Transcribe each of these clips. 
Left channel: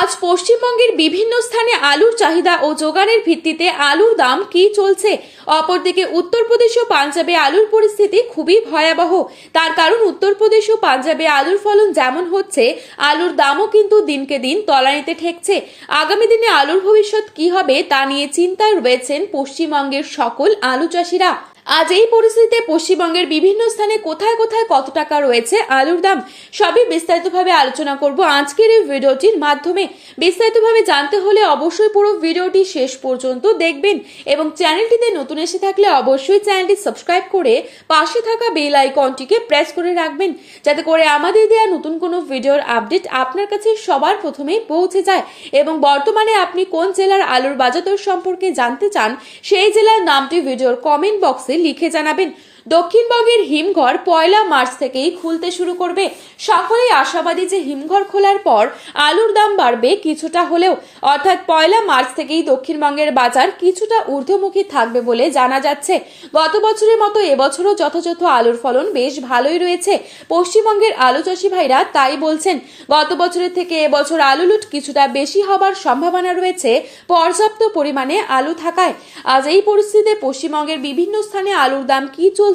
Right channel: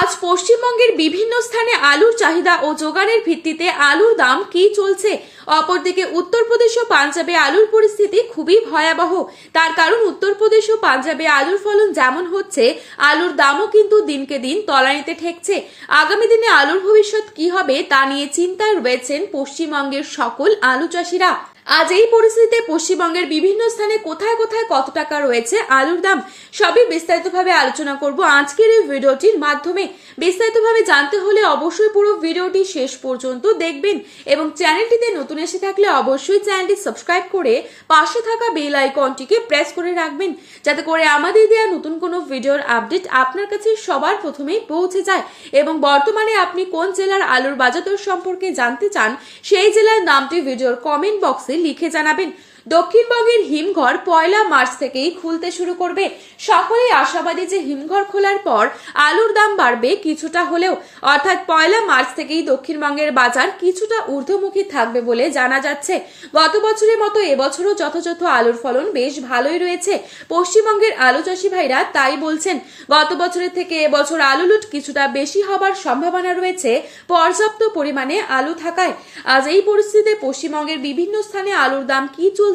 আজ পশ্চিমবঙ্গের বিভিন্ন স্থানে আলুর চাহিদা ও যোগানের ভিত্তিতে আলুর দাম কি চলছে। অপরদিকে উত্তরপ্রদেশ ও পাঞ্জাবে আলুর পরিস্থিতি খুবই ভয়াবহ। তার কারণ উত্তরপ্রদেশ ও পাঞ্জাবে আলুর ফলন যেমন হচ্ছে, আলুর দামও কিন্তু দিনকে দিন তলানিতে ঠেকছে। আগামী দিনে আলুর ভবিষ্যৎ কি হবে তা নিয়ে চিন্তায় রয়েছেন পশ্চিমবঙ্গের সকল আলু চাষিরা। আজ এই পরিস্থিতিতে পশ্চিমবঙ্গের বিভিন্ন স্থানে কোথায় কোথায় কত টাকা রয়েছে আলুর দাম সবই বিস্তারিতভাবে আলোচনা করব আজকের এই ভিডিওটির মাধ্যমে। বিস্তারিতভাবে জানতে হলে অবশ্যই পুরো ভিডিওটি শেষ পর্যন্ত দেখবেন এবং চ্যানেলটিতে নতুন এসে থাকলে অবশ্যই চ্যানেলটি সাবস্ক্রাইব করে পাশে থাকা বেল আইকনটিকে প্রেস করে রাখবেন, যাতে করে আমাদের দেওয়া নতুন কোনো ভিডিওর আপডেট আপনার কাছে সবার প্রথমেই পৌঁছে যায়। এবং বর্তমানে আপনি কোন জেলার আলুর বাজারদর সম্পর্কে জানতে চান, সেই জেলার নামটি ভিডিওর কমেন্ট বক্সে লিখে জানাবেন। দক্ষিণবঙ্গের হিমঘর 1 মার্চ থেকেই খুলতে শুরু করবে। সকলেই আশাবাদী যে হিমঘর খোলার পর আলুর দাম বাড়বে কিছুটা হলেও, অর্থাৎ 1 মার্চ থেকেই দক্ষিণবঙ্গের বাজার কিছুটা ঊর্ধ্বমুখী থাকবে বলে জানা যাচ্ছে। গত বছরের মতো এবছরও যথাযথ আলুর ফলন বেশ ভালোই রয়েছে। পশ্চিমবঙ্গের আলু চাষি ভাইরা তাই বলছেন। গত বছরের থেকে এবছর আলু লুট কিছুটা বেশি হবার সম্ভাবনা রয়েছে পর্যাপ্ত পরিমাণে আলু থাকায়। আজ এই পরিস্থিতিতে পশ্চিমবঙ্গের বিভিন্ন স্থানে আলুর দাম কি চলছে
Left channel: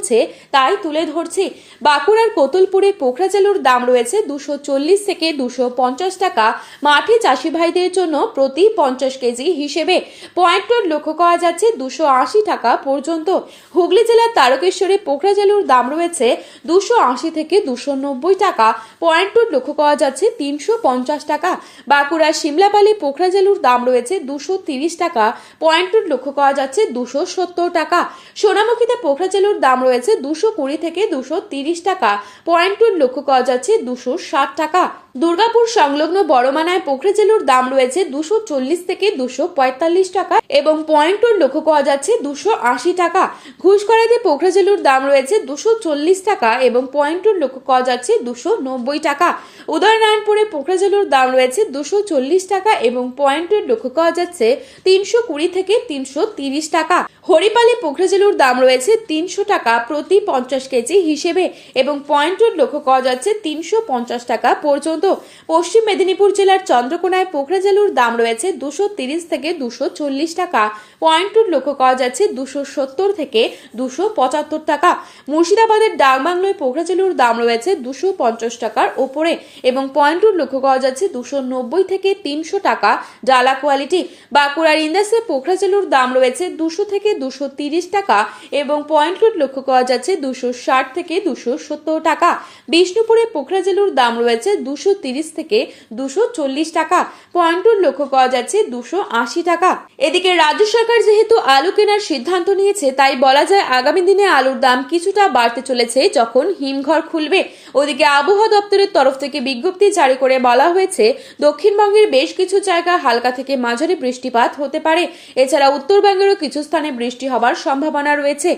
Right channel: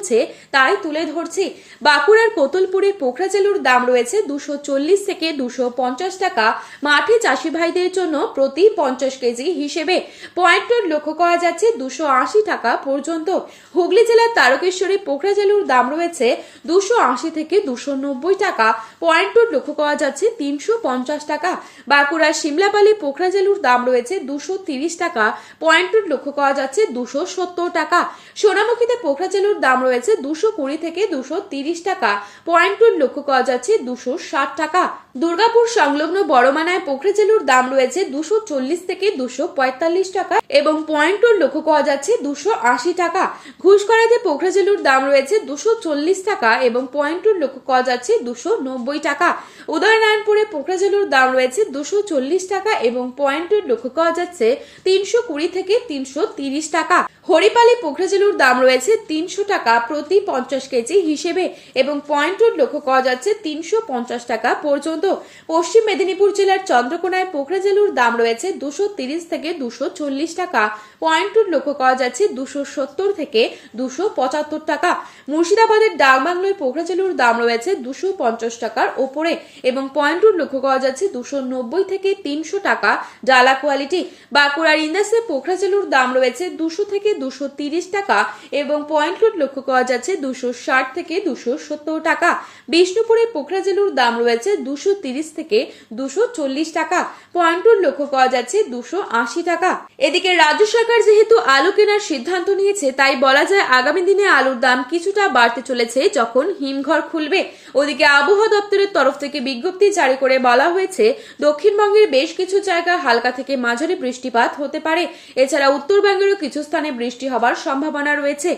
তাই তুলে ধরছি। বাঁকুড়ার কোতলপুরে পোখরাজেলুর দাম রয়েছে 240 থেকে 250 টাকা। মাঠে চাষি ভাইদের জন্য প্রতি 50 কেজি হিসেবে পয়েন্ট লক্ষ্য করা যাচ্ছে 280 টাকা পর্যন্ত। হুগলি জেলার তারকেশ্বরে পোখরাজেলুর দাম রয়েছে 280 থেকে 290 টাকা। পয়েন্ট লক্ষ্য করা যাচ্ছে 350 টাকা। বাঁকুড়ার সিমলাপালে পোখরাজেলুর দাম রয়েছে 230 টাকা। পয়েন্ট লক্ষ্য করা যাচ্ছে 270 টাকা। সোনামুখীতে পোখরাজেলুর দাম রয়েছে 220 থেকে 230 টাকা। পয়েন্ট লক্ষ্য করা যাচ্ছে 260 টাকা। দুর্গাপুর সংলগ্ন বড়মানায় পোখরাজেলুর দাম রয়েছে 240 থেকে 245 টাকা এবং পয়েন্ট লক্ষ্য করা যাচ্ছে 280 টাকা। ঘুষকরাতে পোখরাজেলুর দাম রয়েছে 240 টাকা এবং পয়েন্ট লক্ষ্য করা যাচ্ছে 290 টাকা। উদয়নারায়ণপুরে পোখরাজেলুর দাম রয়েছে 240 টাকা এবং পয়েন্ট লক্ষ্য করা যাচ্ছে 320 থেকে 330 টাকা। হরিপালে পোখরাজেলুর দাম রয়েছে 300 টাকা প্রতি 50 কেজি হিসেবে এবং পয়েন্ট লক্ষ্য করা যাচ্ছে 350 টাকা পর্যন্ত। পশ্চিম মেদিনীপুর জেলার চন্দ্রকোনায় পোখরাজেলুর দাম রয়েছে 230 থেকে 240 টাকা। পয়েন্ট লক্ষ্য করা যাচ্ছে 270 থেকে 275 টাকা। মুর্শিদাবাদের ডাকবাংলোয় পোখরাজেলুর দাম রয়েছে 250 টাকার ওপরে এবং পয়েন্ট লক্ষ্য করা যাচ্ছে 290 থেকে 300 টাকা ডালা কোয়ালিটি। বাঁকুড়ার ইন্দাসে পোখরাজেলুর দাম রয়েছে 200 থেকে 230 টাকা এবং পয়েন্ট লক্ষ্য করা যাচ্ছে 260 থেকে 270 টাকা। বিষ্ণুপুরে পোখরাজেলুর দাম রয়েছে 230 থেকে 240 টাকা। পয়েন্ট লক্ষ্য করা যাচ্ছে 280 টাকা। এদিকে রাজ্য সরকার যেহেতু আলু কেনার সিদ্ধান্ত নিয়েছে, তাই বলা যায় আগামী দিনে আলুর দাম কিছুটা বাড়তে চলেছে যখন হিমঘর খুলবে। ওদিকে আবহাওয়া দপ্তরের তরফ থেকে বিজ্ঞপ্তি জারি করে বলা হয়েছে দক্ষিণবঙ্গের বেশ কিছু জায়গায় হালকা থেকে মাঝারি বৃষ্টিপাত হতে পারে। এছাড়া উত্তরবঙ্গেরও কিছু স্থানে বৃষ্টি হবার সম্ভাবনা রয়েছে।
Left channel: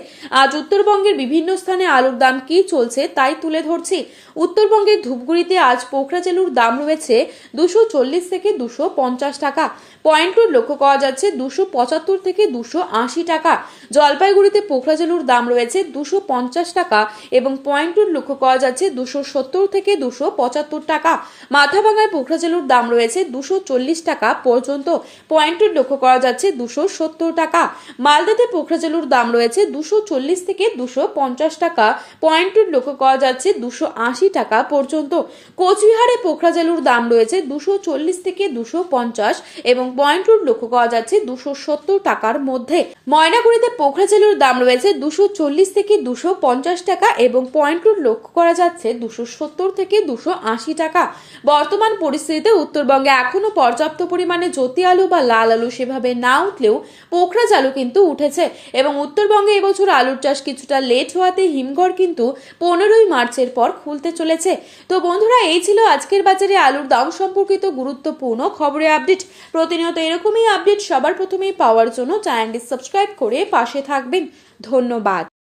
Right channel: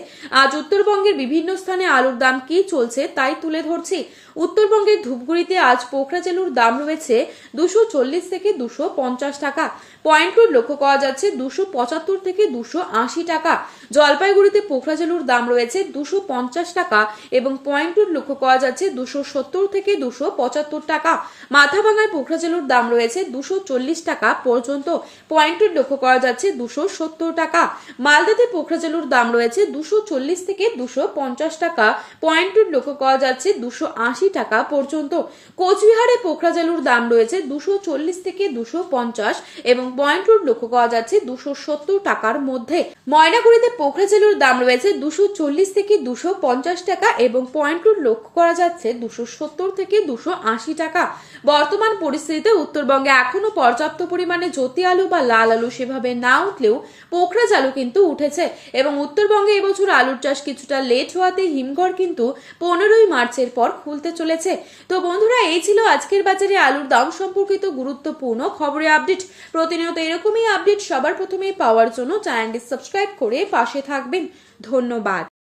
আজ উত্তরবঙ্গের বিভিন্ন স্থানে আলুর দাম কি চলছে তাই তুলে ধরছি। উত্তরবঙ্গের ধূপগুড়িতে আজ পোখরাজেলুর দাম রয়েছে 240 থেকে 250 টাকা। পয়েন্ট লক্ষ্য করা যাচ্ছে 275 থেকে 280 টাকা। জলপাইগুড়িতে পোখরাজেলুর দাম রয়েছে 250 টাকা এবং পয়েন্ট লক্ষ্য করা যাচ্ছে 270 থেকে 275 টাকা। মাথাভাঙায় পোখরাজেলুর দাম রয়েছে 240 টাকা পর্যন্ত। পয়েন্ট লক্ষ্য করা যাচ্ছে 270 টাকা। মালদাতে পোখরাজেলুর দাম রয়েছে 240 থেকে 250 টাকা। পয়েন্ট লক্ষ্য করা যাচ্ছে 280 টাকা পর্যন্ত। কোচবিহারে পোখরাজেলুর দাম রয়েছে 240 থেকে 250 এবং পয়েন্ট লক্ষ্য করা যাচ্ছে 270 টাকার মধ্যে। ময়নাগুড়িতে পোখরাজেলুর দাম রয়েছে 240 থেকে 250 টাকা এবং পয়েন্ট লক্ষ্য করা যাচ্ছে 270 থেকে 280 টাকা। বর্তমান পরিস্থিতিতে উত্তরবঙ্গে এখনো পর্যাপ্ত পরিমাণে জ্যোতি আলু বা লাল আলু সেভাবে না উঠলেও পোখরাজ আলু কিন্তু উঠেছে এবং উত্তরবঙ্গে এবছর আলুর চাষ কিছুটা লেট হওয়াতে হিমঘর কিন্তু 15 মার্চের পর খুলতে চলেছে। তো বন্ধুরা, এই ছিল আজকের বাজারে আলুর দাম সম্পর্কিত গুরুত্বপূর্ণ খবরের আপডেট। প্রতিনিয়ত এরকমই আপডেট সবার প্রথমেই পাওয়ার জন্য চ্যানেলটি সাবস্ক্রাইব করে পাশে থাকবেন। ধন্যবাদ।